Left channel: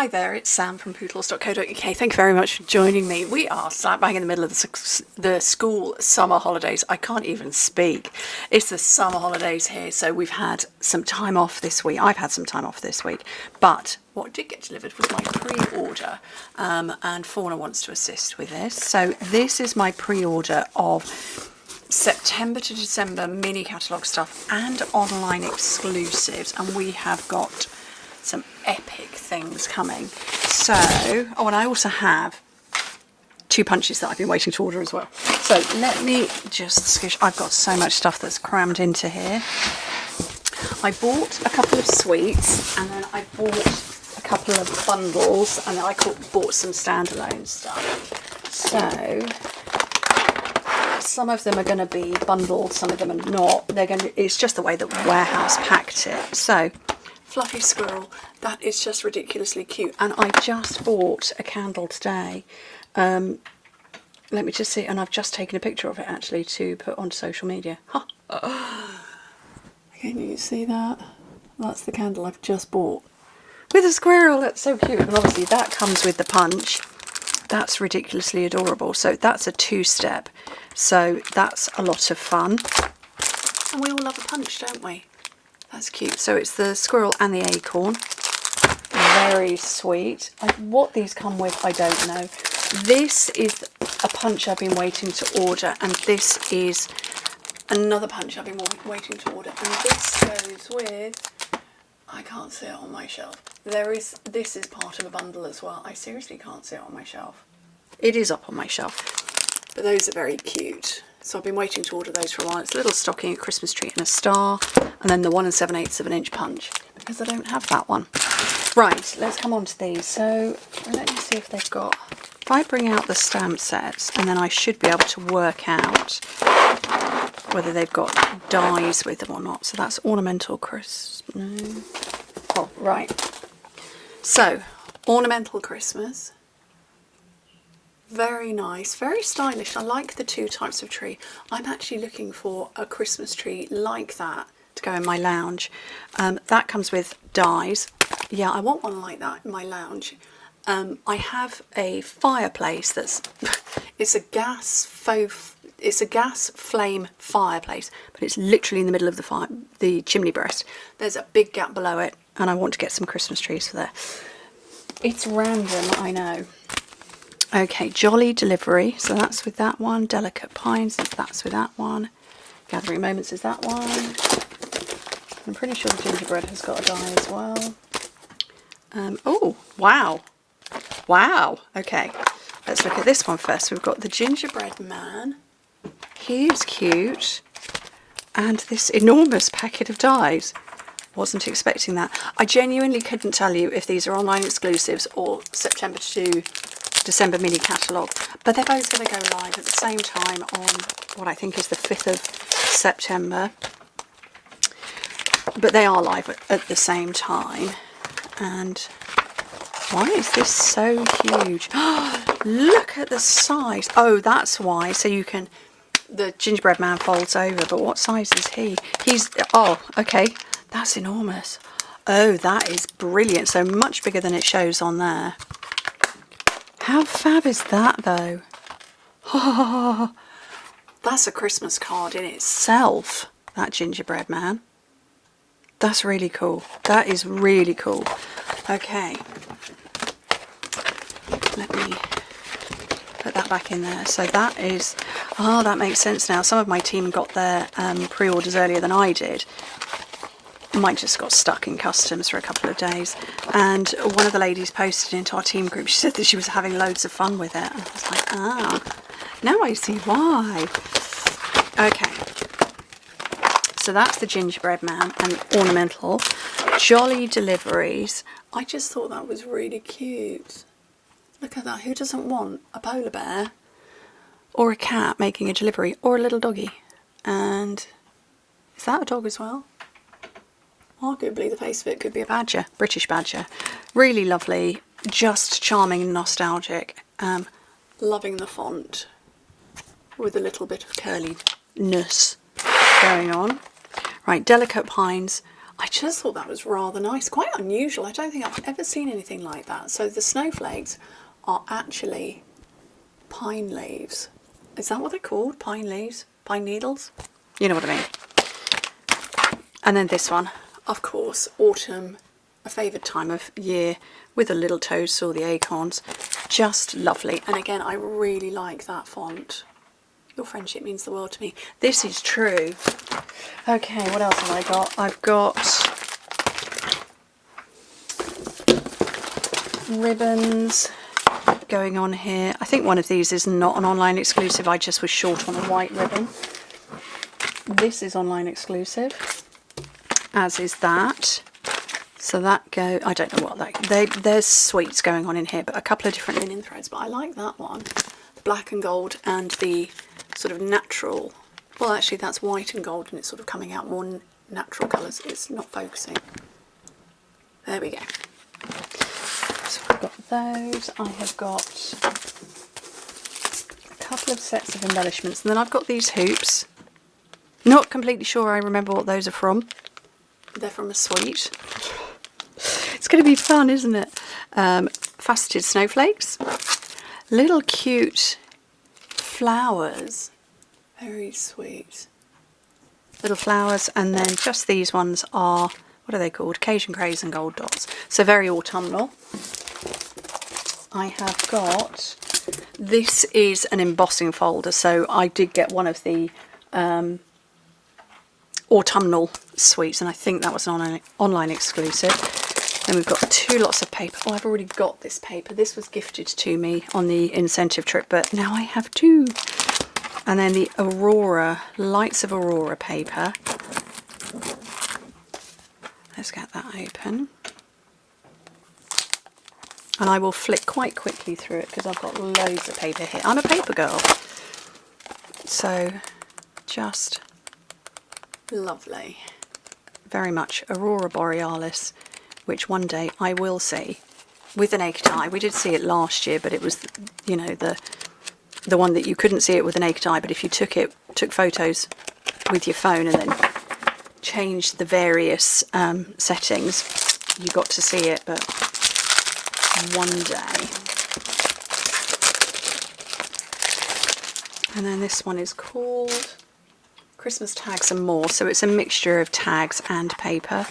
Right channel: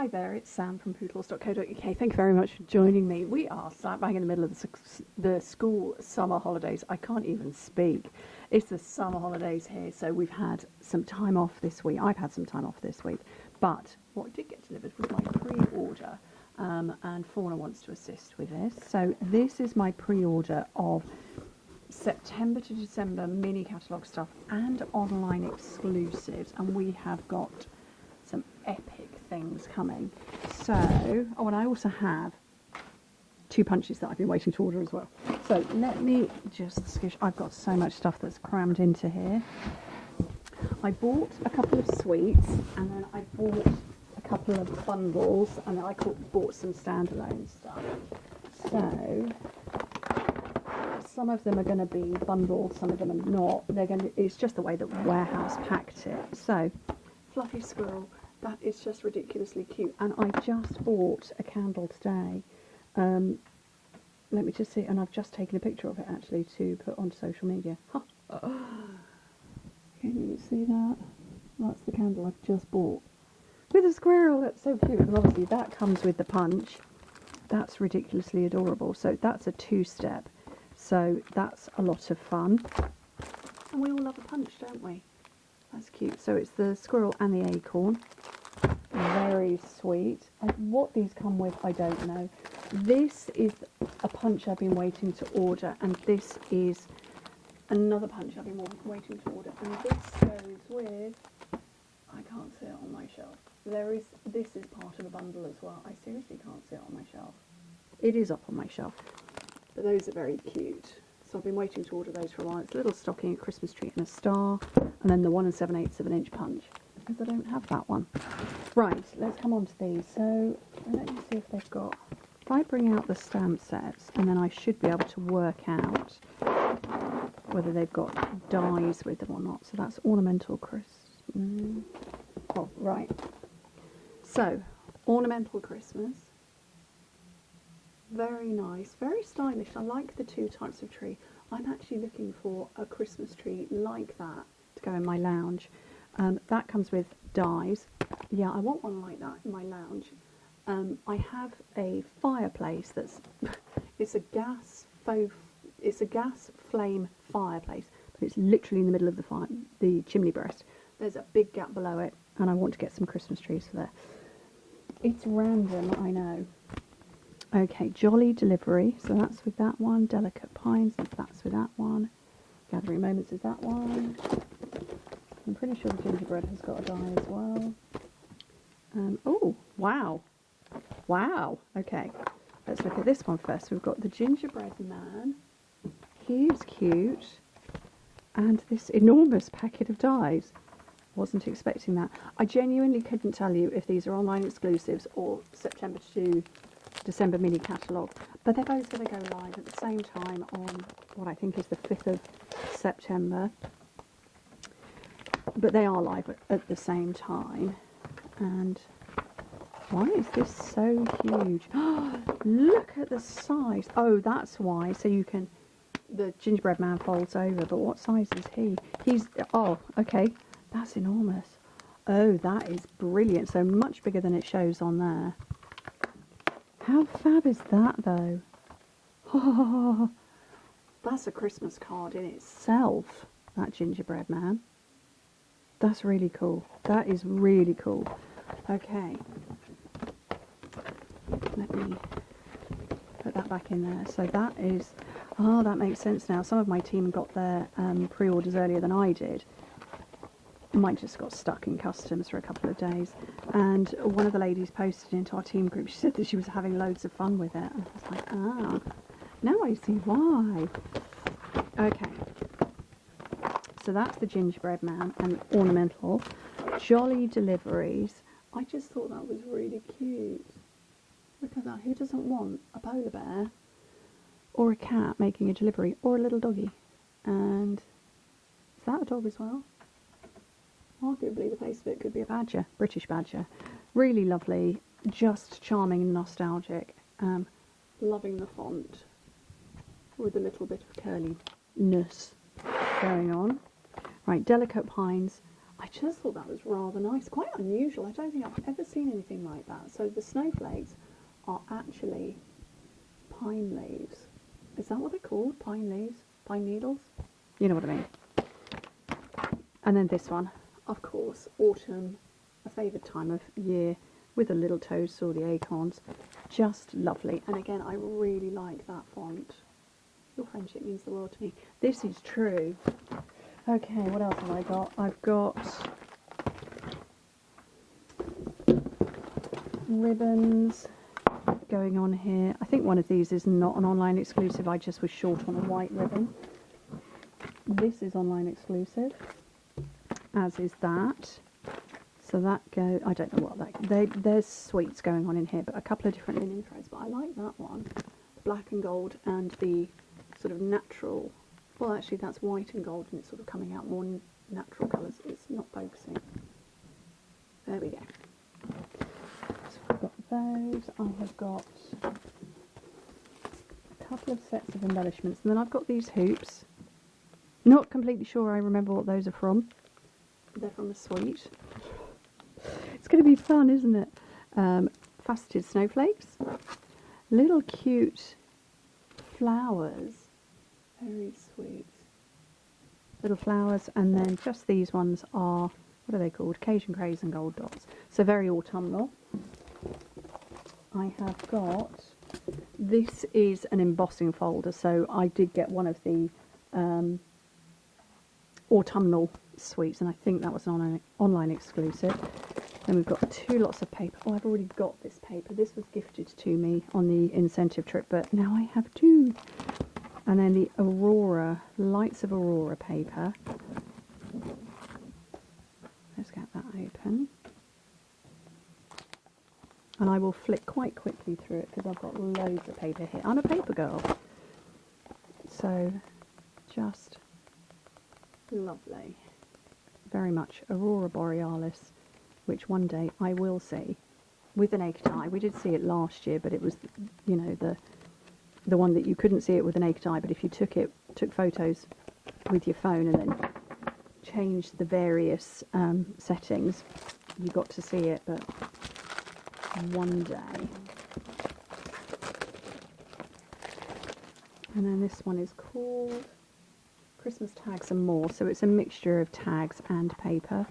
Hi there, it's Sam from Pootles.co.uk. Thank you very much for joining me. We are slap bang in the middle of the school summer holidays. I can't even speak. It's the summer holidays here, so we've had some time off this week. I've had some time off this week, but what did get delivered was my pre-order, and Fauna wants to assist with this. So this is my pre-order of September to December mini catalogue stuff and online exclusives, and we have got some epic things coming. So, oh, and I also have 2 punches that I've been waiting to order as well. So let me just skish. I've got so much stuff that's crammed into here. I bought a couple of sweets, and then I bought a couple of bundles, and then I bought some standalone stuff. So some of them are going to be bundled, some of them are not. It's just the way that Warehouse packed it. So fluffy squirrel, that is just ridiculously cute. And I just bought a candle today. Let me just see, and I've just taken a picture of it actually to put on social media. Huh. Can you see that? That's the candle I've just bought with a squirrel. That's so cute. And obviously that comes with the punch. That's ridiculously adorable. So that's a 2-step. So that's a lot of fun. And we all love a punch, don't we? That's cute. So it's the squirrel and the acorn. Very sweet. What these come with, I don't know. This is a punch I've been waiting to order, and this is another punch I've been waiting to order. And this goes with, I can't see it on my shelf. This is part of a bundle as well. I seriously can't see it on my shelf. It is up on my shelf. But those are very cute. So I've been waiting to order those for a while. It's a little stocking, a Christmas tree and a star, and then the 1 7/8 of an inch punch, because I don't have that one. Right, let's come on to these. So let me see if they've got, if I bring out the stamp sets, and then I should be able to work out whether they've got dies with them or not. So that's ornamental Christmas. No. Oh, right. So ornamental Christmas. Very nice, very stylish. I like the 2 types of tree. I'm actually looking for a Christmas tree like that to go in my lounge. That comes with dies. Yeah, I want one like that in my lounge. I have a fireplace that's it's a gas flame fireplace, but it's literally in the middle of the chimney breast. There's a big gap below it, and I want to get some Christmas trees for there. It's random, I know. Okay, Jolly Delivery, so that's with that one. Delicate Pines, that's with that one. Gathering Moments is that one. I'm pretty sure the gingerbread has got a die as well. Oh, wow. Wow. Okay, let's look at this one first. We've got the gingerbread man. He's cute. And this enormous packet of dies. Wasn't expecting that. I genuinely couldn't tell you if these are online exclusives or September to December mini catalogue, but they're both going to go live at the same time on what I think is the 5th of September, but they are live at the same time. And why is this so huge? Look at the size. Oh, that's why. So you can, the gingerbread man folds over, but what size is he? Oh, okay, that's enormous. Oh, that is brilliant. So much bigger than it shows on there. How fab is that, though? Oh, that's a Christmas card in itself, that gingerbread man. That's really cool. That is really cool. Okay. Let me put that back in there. So that is... Oh, that makes sense now. Some of my team got their pre-orders earlier than I did. Mine just got stuck in customs for a couple of days, and one of the ladies posted into our team group. She said that she was having loads of fun with it, and I was like, ah, now I see why. Okay, so that's the gingerbread man and ornamental. Jolly Deliveries. I just thought that was really cute. Look at that. Who doesn't want a polar bear or a cat making a delivery, or a little doggy? And is that a dog as well? Arguably the face of it could be a badger, British badger. Really lovely, just charming and nostalgic. Loving the font with a little bit of curliness going on. Right, Delicate Pines. I just thought that was rather nice, quite unusual. I don't think I've ever seen anything like that. So the snowflakes are actually pine leaves. Is that what they're called? Pine leaves? Pine needles? You know what I mean. And then this one, of course, autumn, a favoured time of year, with the little toads or the acorns. Just lovely. And again, I really like that font. Your friendship means the world to me. This is true. Okay, what else have I got? I've got ribbons going on here. I think one of these is not an online exclusive. I just was short on a white ribbon. This is online exclusive, as is that. So that I don't know what that, there's sweets going on in here, but a couple of different linen threads. But I like that one, the black and gold and the sort of natural. Well, actually that's white and gold, and it's sort of coming out more natural colours. It's not focusing. There we go. So I've got those. I have got a couple of sets of embellishments, and then I've got these hoops. Not completely sure I remember what those are from. They're from a suite. It's going to be fun, isn't it? Faceted snowflakes. Little cute flowers. Very sweet. Little flowers, and then just these ones are, what are they called? Cajun Craze and Gold Dots. So very autumnal. I have got, this is an embossing folder, so I did get one of the autumnal sweets, and I think that was an online exclusive. Then we've got two lots of paper. Oh, I've already got this paper. This was gifted to me on the incentive trip, but now I have two. And then the Aurora, Lights of Aurora paper. Let's get that open. And I will flick quite quickly through it because I've got loads of paper here. I'm a paper girl. So, just lovely. Very much Aurora Borealis, which one day I will see with the naked eye. We did see it last year, but it was, you know, the one that you couldn't see it with the naked eye, but if you took photos with your phone and then changed the various settings, you got to see it. But one day. And then this one is called Christmas Tags and More. So it's a mixture of tags and paper.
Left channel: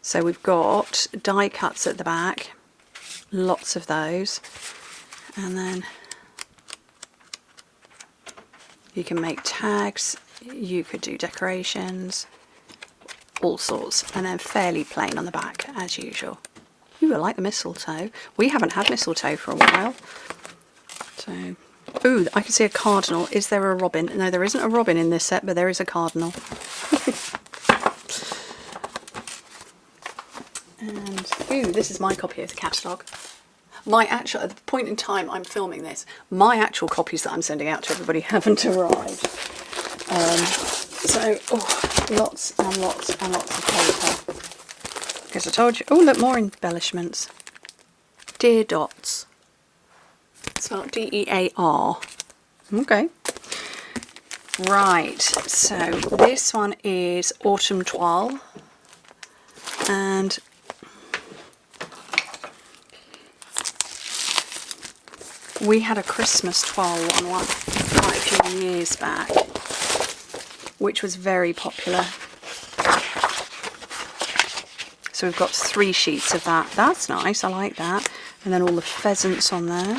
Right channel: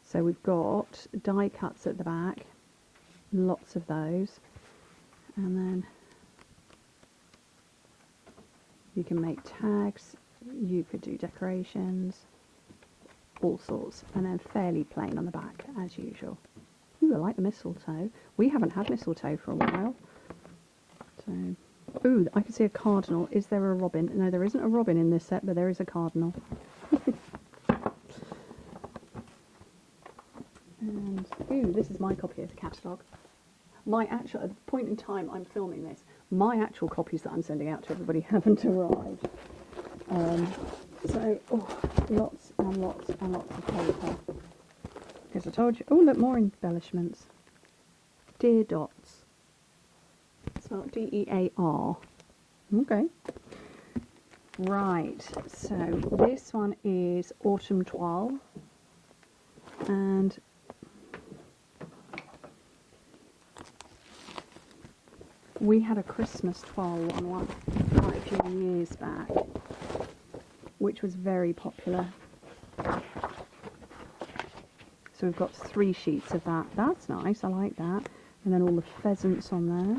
So we've got die cuts at the back, lots of those, and then you can make tags, you could do decorations, all sorts, and then fairly plain on the back as usual. Ooh, I like the mistletoe. We haven't had mistletoe for a while. So, ooh, I can see a cardinal. Is there a robin? No, there isn't a robin in this set, but there is a cardinal. And, ooh, this is my copy of the catalogue. My actual, at the point in time I'm filming this, my actual copies that I'm sending out to everybody haven't arrived. So, oh, lots and lots and lots of paper. Because I told you, oh look, more embellishments. Dear Dots. Spelled D-E-A-R. Okay. Right, so this one is Autumn Toile. And we had a Christmas toile one quite a few years back, which was very popular. So we've got 3 sheets of that. That's nice, I like that. And then all the pheasants on there.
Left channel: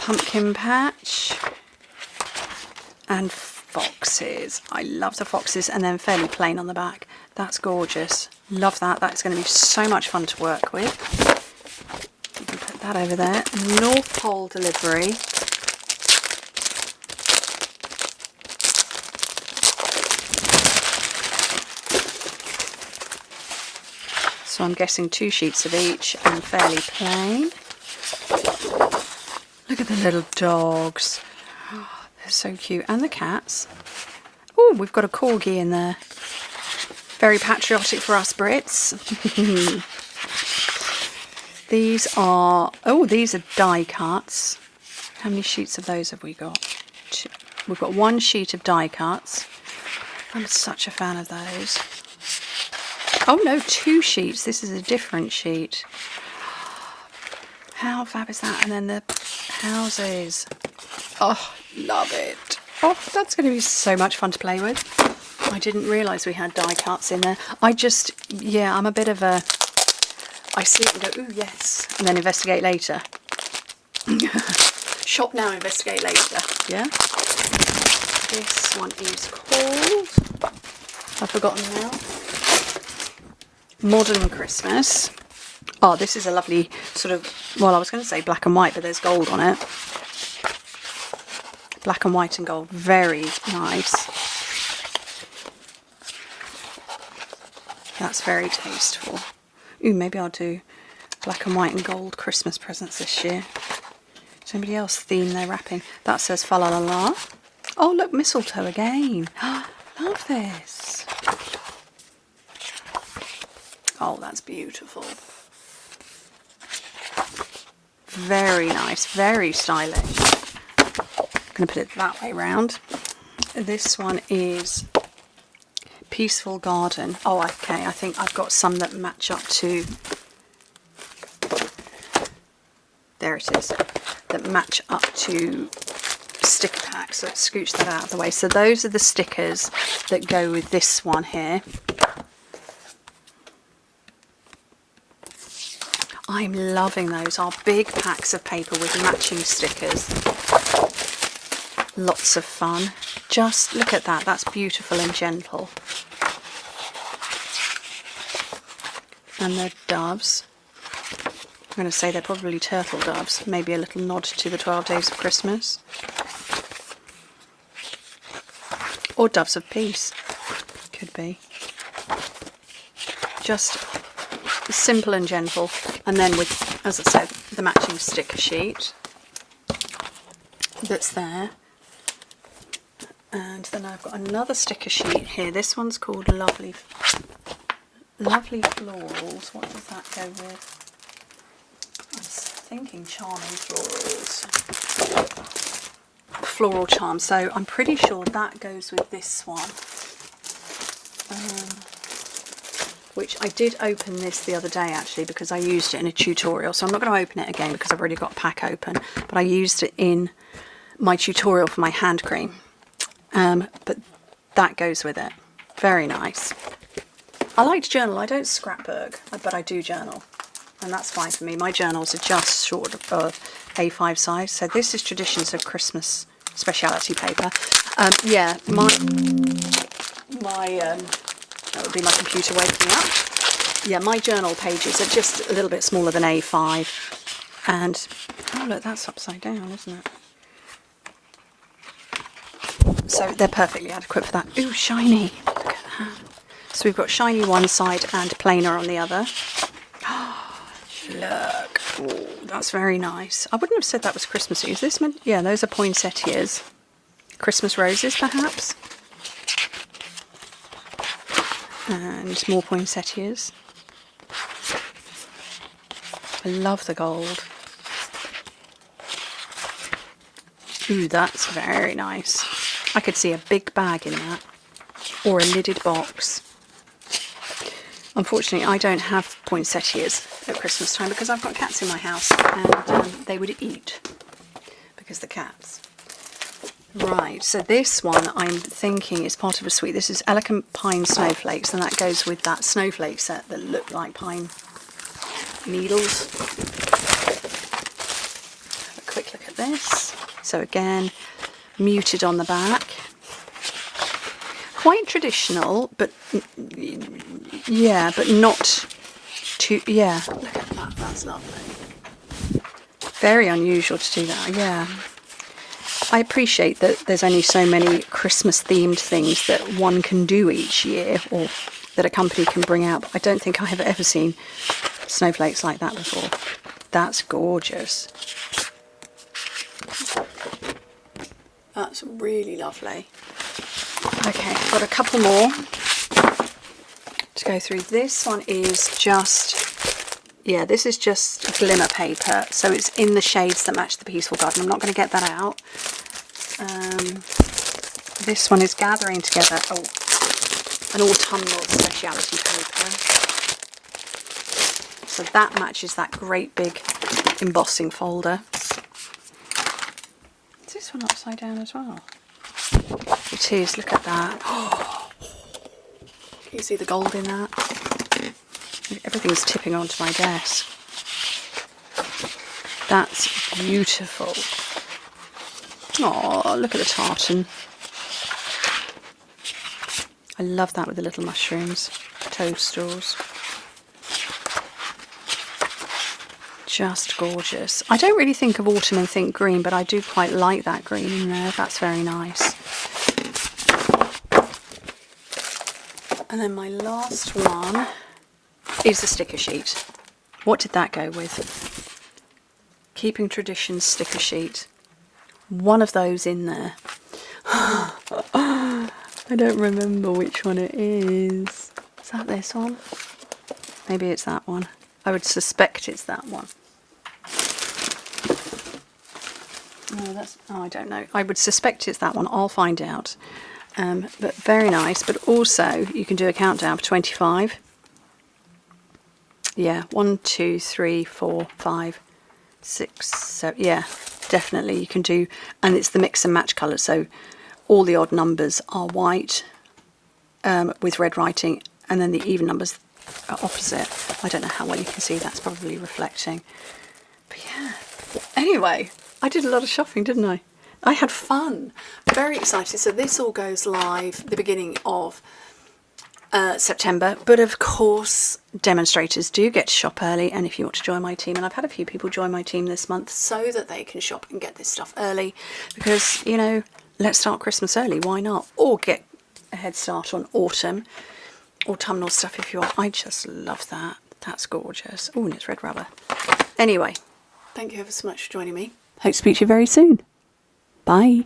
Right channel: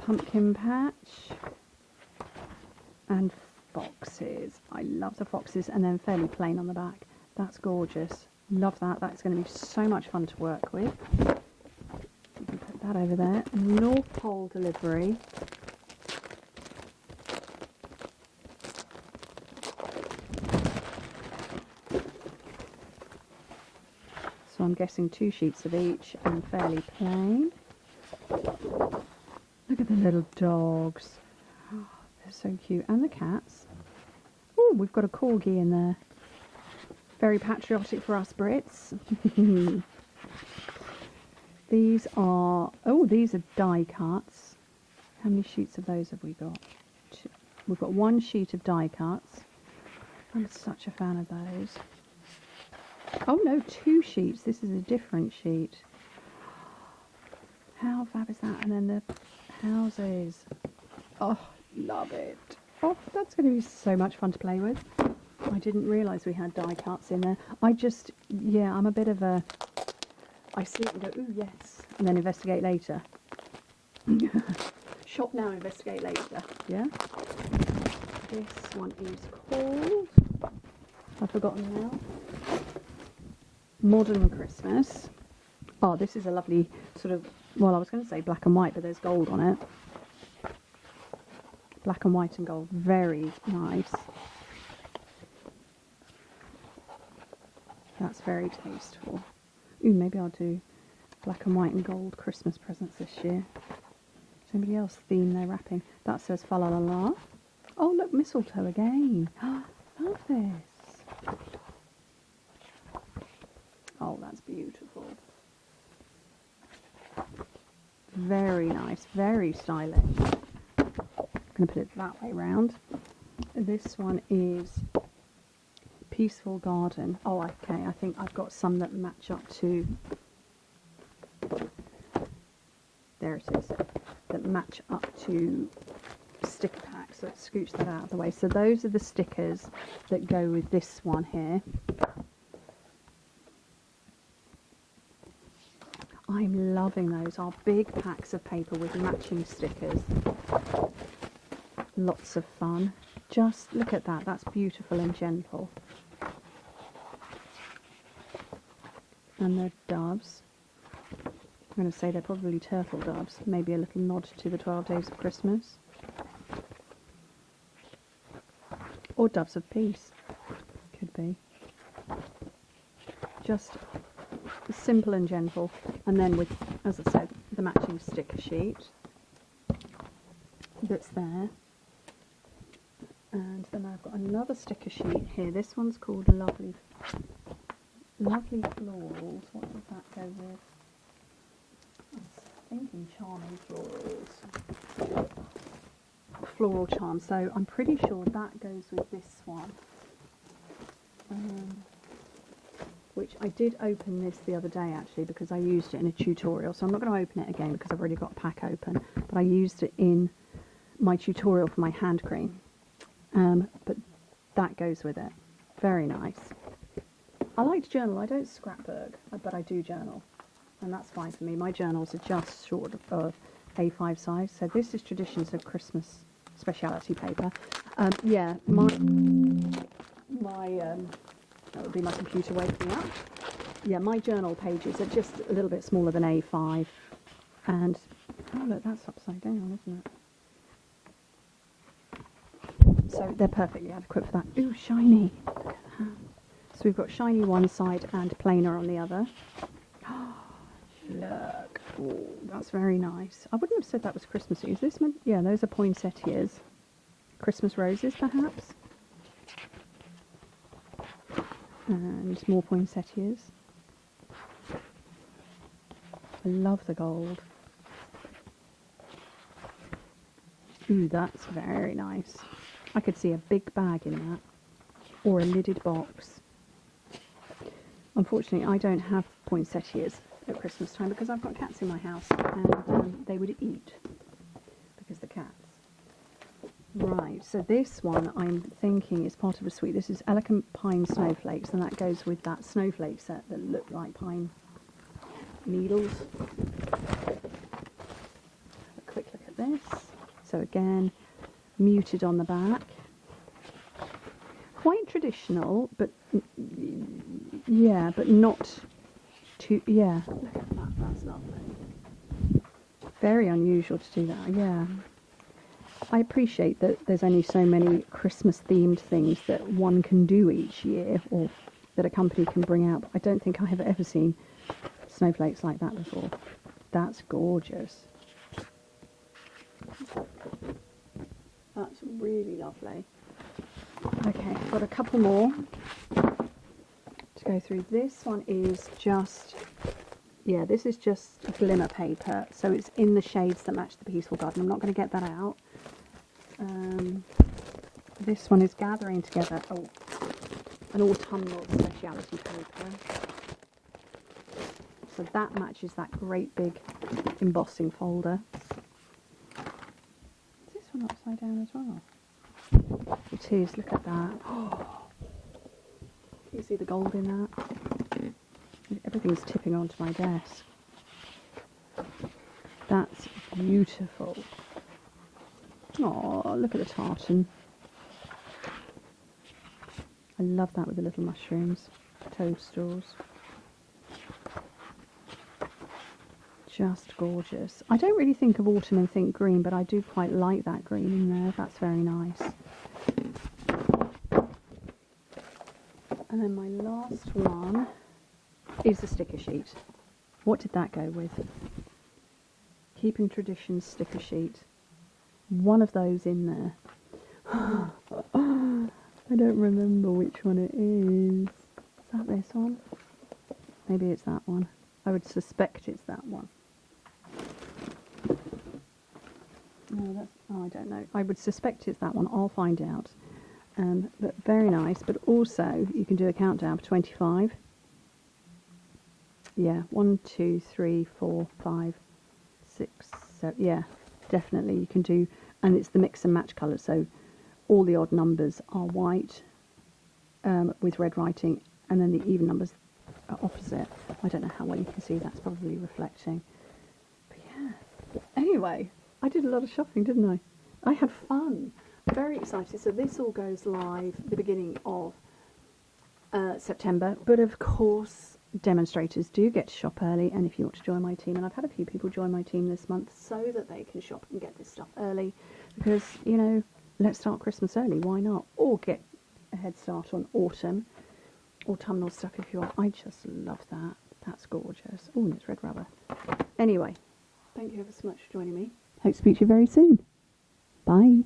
Pumpkin patch. And foxes. I love the foxes, and then fairly plain on the back. That's gorgeous. Love that. That's going to be so much fun to work with. You can put that over there. North Pole delivery. So I'm guessing 2 sheets of each and fairly plain. Look at the little dogs. Oh, they're so cute. And the cats. Oh, we've got a corgi in there. Very patriotic for us Brits. These are, oh, these are die cuts. How many sheets of those have we got? 2. We've got 1 sheet of die cuts. I'm such a fan of those. Oh no, 2 sheets. This is a different sheet. How fab is that? And then the houses. Oh, love it. Oh, that's going to be so much fun to play with. I didn't realise we had die cuts in there. Yeah, I'm a bit of a... I see it and go, ooh, yes, and then investigate later. Shop now, investigate later. Yeah? This one is called... I've forgotten now. Modern Christmas. Oh, this is a lovely sort of... Well, I was going to say black and white, but there's gold on it. Black and white and gold. Very nice. That's very tasteful. Ooh, maybe I'll do black and white and gold Christmas presents this year. Does anybody else theme their wrapping? That says fa la la la. Oh, look, mistletoe again. Love this. Oh, that's beautiful. Very nice, very stylish. I'm going to put it that way round. This one is Peaceful Garden. Oh, okay, I think I've got some that match up to... There it is. That match up to sticker packs. So let's scooch that out of the way. So those are the stickers that go with this one here. I'm loving those. Our big packs of paper with matching stickers. Lots of fun. Just look at that. That's beautiful and gentle. And the doves. I'm going to say they're probably turtle doves. Maybe a little nod to the 12 Days of Christmas. Or doves of peace. Could be. Just simple and gentle. And then with, as I said, the matching sticker sheet that's there. And then I've got another sticker sheet here. This one's called Lovely Florals. What does that go with? I was thinking Charming Florals. Floral Charm. So I'm pretty sure that goes with this one. Which I did open this the other day actually because I used it in a tutorial. So I'm not going to open it again because I've already got a pack open. But I used it in my tutorial for my hand cream. But that goes with it. Very nice. I like to journal. I don't scrapbook, but I do journal. And that's fine for me. My journals are just short of A5 size. So this is Traditions of Christmas Speciality paper. Yeah, that would be my computer waking up. Yeah, my journal pages are just a little bit smaller than A5. And, oh look, that's upside down, isn't it? So they're perfectly adequate for that. Ooh, shiny. Look at that. So we've got shiny one side and plainer on the other. Look. Ooh, that's very nice. I wouldn't have said that was Christmassy. Is this meant? Yeah, those are poinsettias. Christmas roses, perhaps. And more poinsettias. I love the gold. Ooh, that's very nice. I could see a big bag in that, or a lidded box. Unfortunately, I don't have poinsettias at Christmas time because I've got cats in my house and they would eat because the cats. Right, so this one I'm thinking is part of a suite. This is Elegant Pine Snowflakes, and that goes with that snowflake set that look like pine needles. Have a quick look at this. So again, muted on the back. Quite traditional, but yeah, but not too, yeah. Look at that, that's lovely. Very unusual to do that, yeah. I appreciate that there's only so many Christmas themed things that one can do each year, or that a company can bring out, but I don't think I have ever seen snowflakes like that before. That's gorgeous. That's really lovely. Okay, I've got a couple more to go through. This one is just, yeah, this is just glimmer paper. So it's in the shades that match the Peaceful Garden. I'm not going to get that out. This one is Gathering Together. Oh, an autumnal speciality paper. So that matches that great big embossing folder. Is this one upside down as well? It is, look at that. Oh, can you see the gold in that? Everything's tipping onto my desk. That's beautiful. Oh, look at the tartan. I love that with the little mushrooms, toadstools. Just gorgeous. I don't really think of autumn and think green, but I do quite like that green in there. That's very nice. And then my last one is the sticker sheet. What did that go with? Keeping Traditions sticker sheet. One of those in there. I don't remember which one it is. Is that this one? Maybe it's that one. I would suspect it's that one. No, I don't know. I would suspect it's that one. I'll find out. But very nice. But also, you can do a countdown for 25. Yeah, 1, 2, 3, 4, 5, 6, 7. Yeah, definitely you can do. And it's the mix and match colours. So all the odd numbers are white with red writing, and then the even numbers are opposite. I don't know how well you can see. That's probably reflecting. But yeah. Anyway, I did a lot of shopping, didn't I? I had fun. Very excited. So this all goes live the beginning of September. But of course, demonstrators do get to shop early. And if you want to join my team, and I've had a few people join my team this month so that they can shop and get this stuff early. Because, you know, let's start Christmas early. Why not? Or get a head start on autumnal stuff if you want. I just love that. That's gorgeous. Oh, and it's red rubber. Anyway, thank you ever so much for joining me. Hope to speak to you very soon. Bye.